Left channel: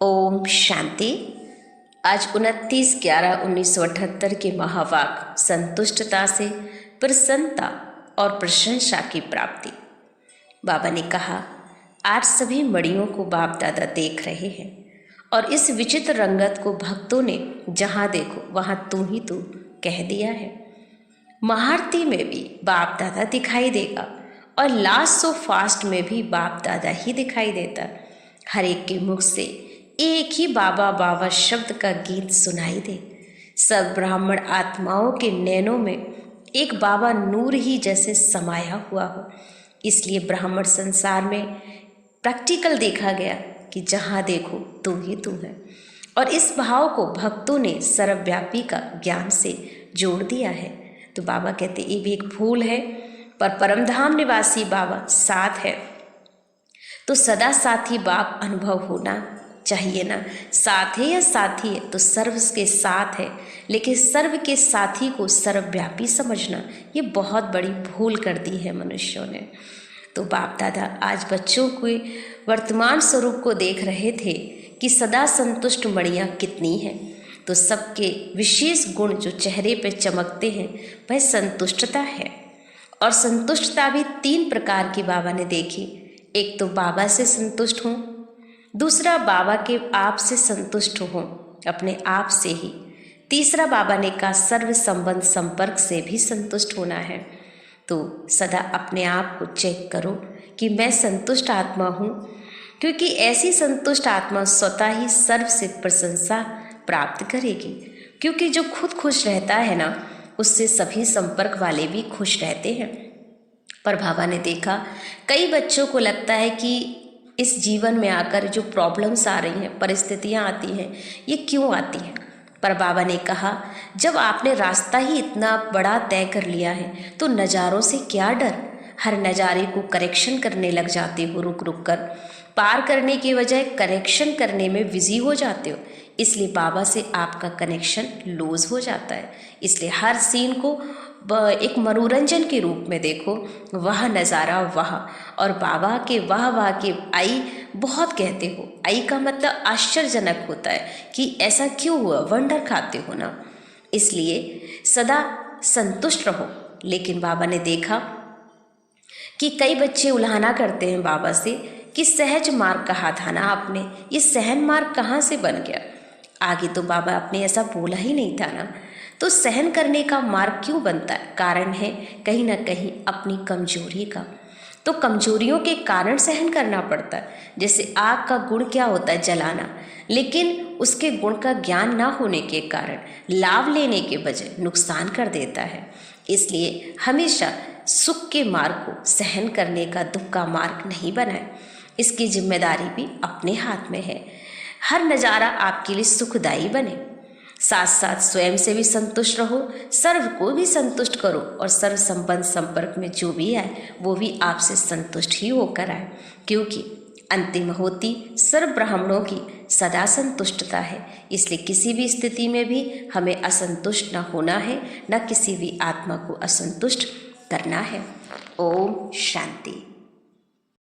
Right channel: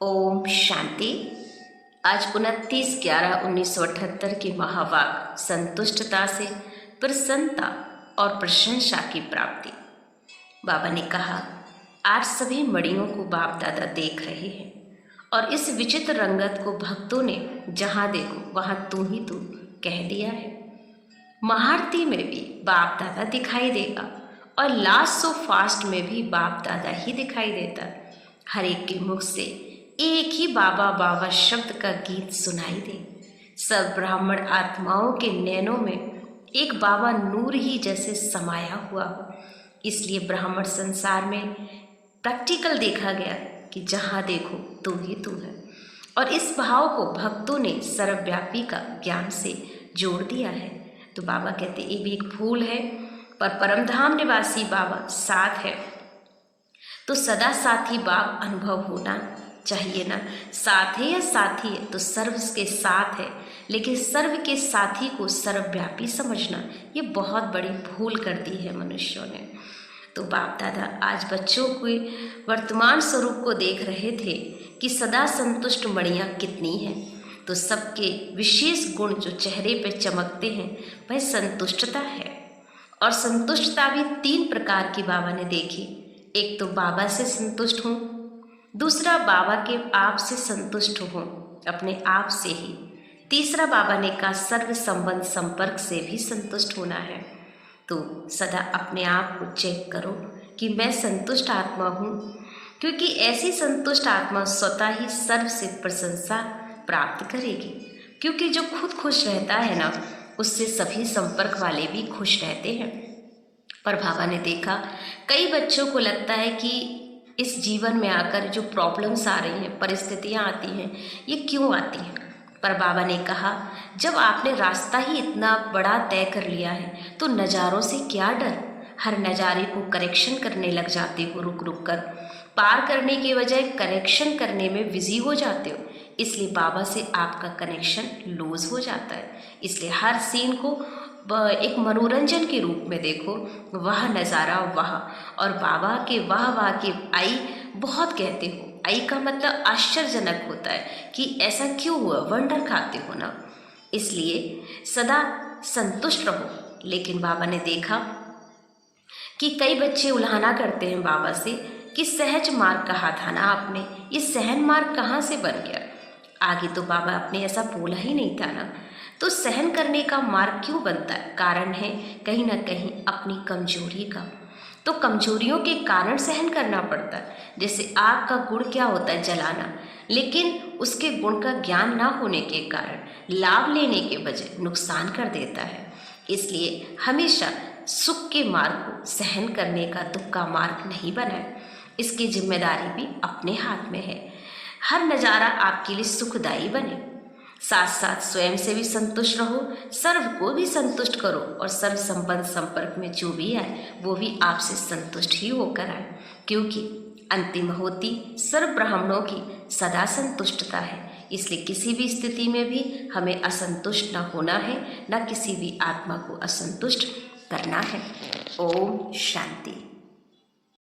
ओम शांति। आज 29/11/1978 के महावाक्य संतुष्टता से प्रसन्नता और प्रशंसा की प्राप्ति। बाबा ने कहा, आज सभी मणियों को बाप दादा देख रहे हैं और इस विचित्र रंगत को भक्तों ने जहाँ देखो वहाँ तू ही तू कह दिया है। महाआरती में भी बाप दादा दिखाई देगा और लास्ट सो फास्ट में भी बाप दादा ही दिखाई देता। हर एक के मुख से एक ही बाबा बाबा शब्द का गीत सुनाई दे। सब ब्राह्मण आत्माओं के नैनों में एक बाबा नूर ही जैसे समाया हुआ हो। इसलिए ब्राह्मण संसार में प्रैक्टिकल देखा गया कि जहाँ देखो तू ही तू है, और इस भाव को भक्तों ने सर्वव्यापी का ज्ञान से जोड़ दिया है। तो बाबा कहते ये भी एक फूल है, पर परमधाम निवासी बाबा साथ है, तो सदा साथी बाप अनुभव होना चाहिए ना। साथ है या साथी है तो सर्व के साथ है, लेकिन सर्व के साथी को सर्वव्यापी समझना ये बहुत बड़ी भूल कर दी है मनुष्यों ने। तो बाप दादा आज बच्चों के वर्तमान स्वरूप को देख रहे थे कि सदा संतुष्ट मणियाँ कितनी हैं। तो सबके विशेष गुण जो चेहरे पे चमकते हैं वह संतुष्टता है। और संतुष्टता भी 3 प्रकार की बाबा ने देखी। एक तो बाबा से संतुष्ट हों, दूसरा बाबा के आप से संतुष्ट हों, अपने आप से ही। तीसरा बाबा ने कहा सर्व संबंध संपर्क से भी संतुष्ट होना है। तो सदा अपने आप को चेक करो कि मैं संतुष्ट आत्मा हूँ, क्योंकि ऐसी संतुष्ट आत्मा स्वतः ही सर्व से प्रशंसा प्राप्त करेगी। क्योंकि जो खुद खुश रहता है ना, उससे सभी संपर्क वाले भी खुश रहते हैं। पर बाबा ने देखा कई बच्चों को लगता है कि इस जीवन में आकर जो प्रॉब्लम्स आ रही हैं, परिस्थितियाँ आती हैं, ये क्यों आती हैं। पर बाबा ने कहा जब आपने रास्ता ही इतना बड़ा तय कर लिया है तो नज़ारों से क्या डर। हर नज़ारे को करेक्शन करने लग जाते हो, रुक रुक कर पार करने के बजाय करेक्शन करने में बिजी हो जाते हो। इसलिए बाबा से आपका कनेक्शन लूज हो जाता है। इसलिए हर सीन को एक मनोरंजन के रूप में देखो, वह नज़ारा वह। और बाबा के वाह के आई बहुत कहते हो। आई का मतलब आश्चर्यजनक होता है कि ऐसा क्यों हुआ, वंडर खाते हो ना। इसलिए सदा संतुष्ट रहो। लेकिन बाबा ने देखा कि कई बच्चे उल्हाना करते हैं बाबा से कि सहज मार्ग कहा था ना आपने, ये सहन मार्ग कहाँ से बन गया। आगे तो बाबा आपने ऐसा बोला ही नहीं था ना। तो सहन करने का मार्ग क्यों बनता है? कारण है कहीं ना कहीं अपनी कमजोरी का। तो कमजोरियों के कारण सहन करना पड़ता है। जैसे आग का गुण क्या होता है? जलाना। लेकिन उसके गुण का ज्ञान ना होने के कारण लाभ लेने के बजाय नुकसान कर देता है। इसलिए हमेशा सुख के मार्ग को सहन करने का दुख का मार्ग नहीं बनाए। इसकी जिम्मेदारी भी अपने हाथ में है। हर नज़ारा आपके लिए सुखदायी बने। साथ साथ स्वयं से भी संतुष्ट रहो, सर्व को भी संतुष्ट करो, और सर्व संबंध संपर्क में जो भी आए वो भी आपसे संतुष्ट ही होकर आए। क्योंकि अंतिम होती सर्व ब्राह्मणों की सदा संतुष्टता है। इसलिए किसी भी स्थिति में भी हमें असंतुष्ट न होना है, न किसी भी आत्मा को असंतुष्ट करना है। ओम शांति।